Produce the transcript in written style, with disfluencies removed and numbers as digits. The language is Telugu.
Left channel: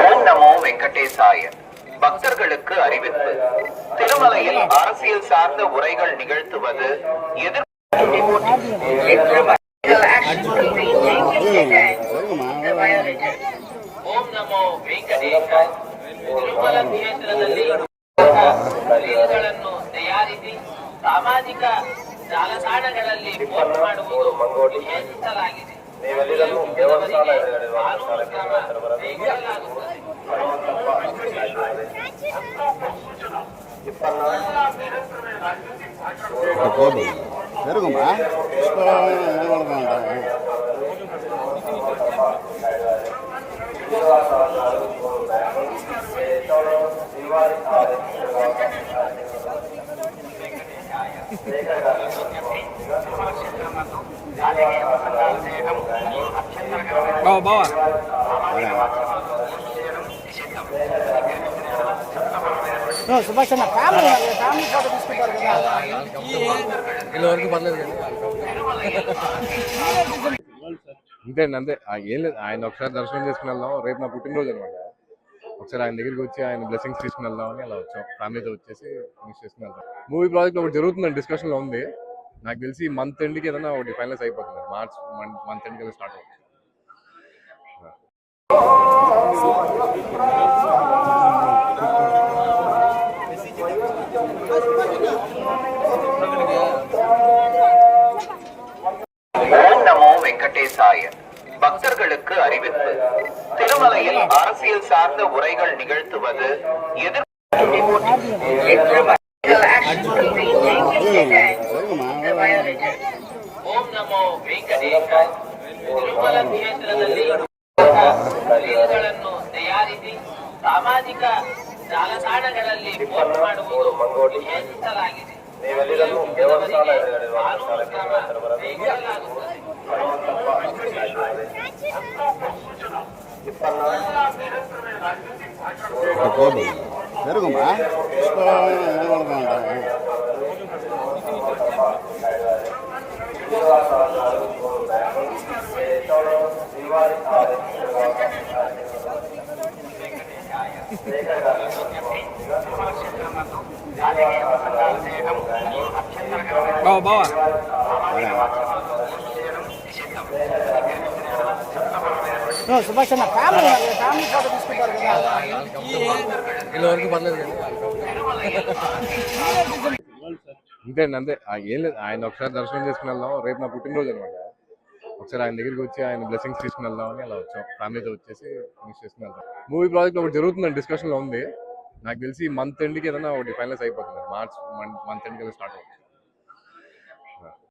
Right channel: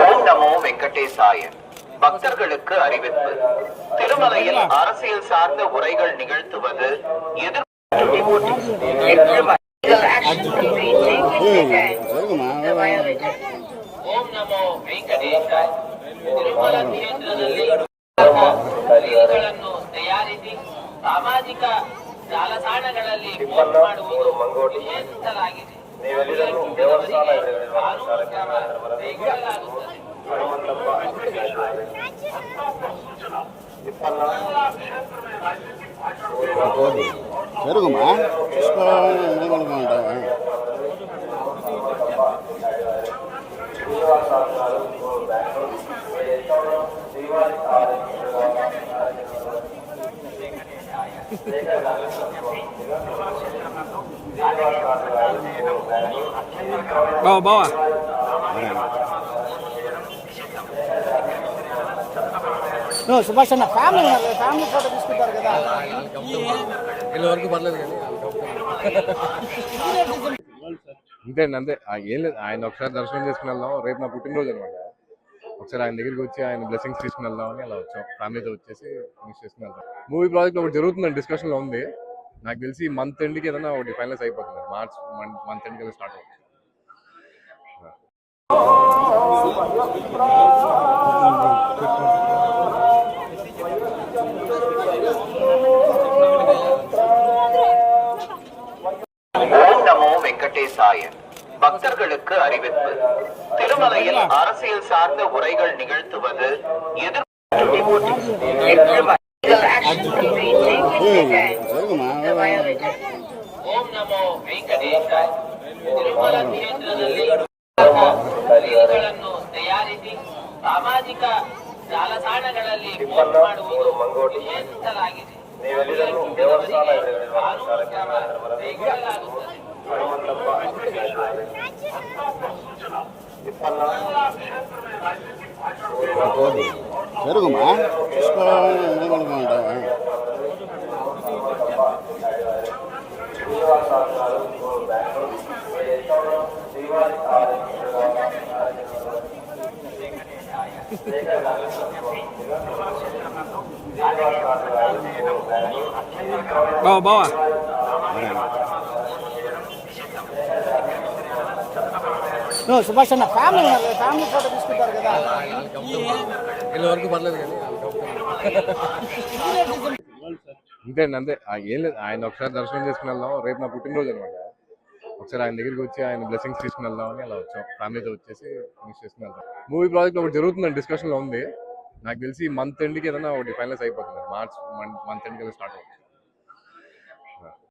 ஓம் நமோ வெங்கடேசாய. பக்தர்களுக்கு அறிவிப்பு. திருமலையில் அரசியல் சார்ந்த உரைகள் நிகழ்த்துவது ಓಂ ನಮೋ ವೆಂಕಟೇಶಾಯ. ತಿರುಮಲ ಕ್ಷೇತ್ರದಲ್ಲಿ ರೀಲ್ಗಳನ್ನು ತಯಾರಿಸಿ ಸಾಮಾಜಿಕ ಜಾಲತಾಣಗಳಲ್ಲಿ ಪೋಸ್ಟ್ ಮಾಡುವುದು ನಿಷೇಧಿಸಲಾಗಿದೆ. జరుగుమా bawa సుభాష్ అన్న ఫ్యామిలీ ఫోటో తీసుకుంటారు కదా వీళ్ళ వరకు పర్లేదు కానీ అంతేండి అంతే. ఏం లేదు, ఆయన ఒకసారి దర్శనం చేసుకుని వెళ్దాం. రేపు నా పుట్టినరోజు అనమాట. ఒకసారి ఆయన దగ్గరికి వచ్చి ఆయన బ్లెస్సింగ్స్ తీసుకుని వెళ్దాం అని అలా వచ్చాం. ఫ్యామిలీతో వచ్చేసి ఫినిష్ చేసుకుని వెళ్దాం. మూవీ ప్రాజెక్ట్ ఒకటి జరుగుతుందని డిస్కషన్లో ఉంది. నాకు తెలిసి మంత్ ఎండ్కి ఏదైనా ఒకటి ఫైనలైజ్ అయిపోతుంది. మార్చ్ మంత్ ఎండ్కి వెళ్ళి స్టార్ట్ అవుతుంది. ஓம் நமோ வெங்கடேசாய. பக்தர்களுக்கு அறிவிப்பு. திருமலையில் அரசியல் சார்ந்த உரைகள் நிகழ்த்துவது ஓம் நமோ வெಂಕಟೇಶಾಯ. ತಿರುಮಲ ಕ್ಷೇತ್ರದಲ್ಲಿ ರೀಲ್ಗಳನ್ನು ತಯಾರಿಸಿ ಸಾಮಾಜಿಕ ಜಾಲತಾಣಗಳಲ್ಲಿ ಪೋಸ್ಟ್ ಮಾಡುವುದು ನಿಷೇಧಿಸಲಾಗಿದೆ. జరుగుమా bawa సుభాష్ అన్న ఫ్యామిలీ ఫోటో తీసుకుంటారు కదా వీళ్ళ వరకు పర్లేదు కానీ అంతేండి అంతే. ఏం లేదు, ఆయన ఒకసారి దర్శనం చేసుకుని వెళ్దాం. రేపు నా పుట్టినరోజు అనమాట. ఒకసారి ఆయన దగ్గరికి వచ్చి ఆయన బ్లెస్సింగ్స్ తీసుకుని వెళ్దాం అని అలా వచ్చాం. ఫ్యామిలీతో వచ్చేసి ఫినిష్ చేసుకుని వెళ్దాం. మూవీ ప్రాజెక్ట్ ఒకటి జరుగుతుందని డిస్కషన్లో ఉంది. నాకు తెలిసి మంత్ ఎండ్కి ఏదైనా ఒకటి ఫైనలైజ్ అయిపోతుంది. మార్చ్ మంత్ ఎండ్కి వెళ్ళి స్టార్ట్ అవుతుంది.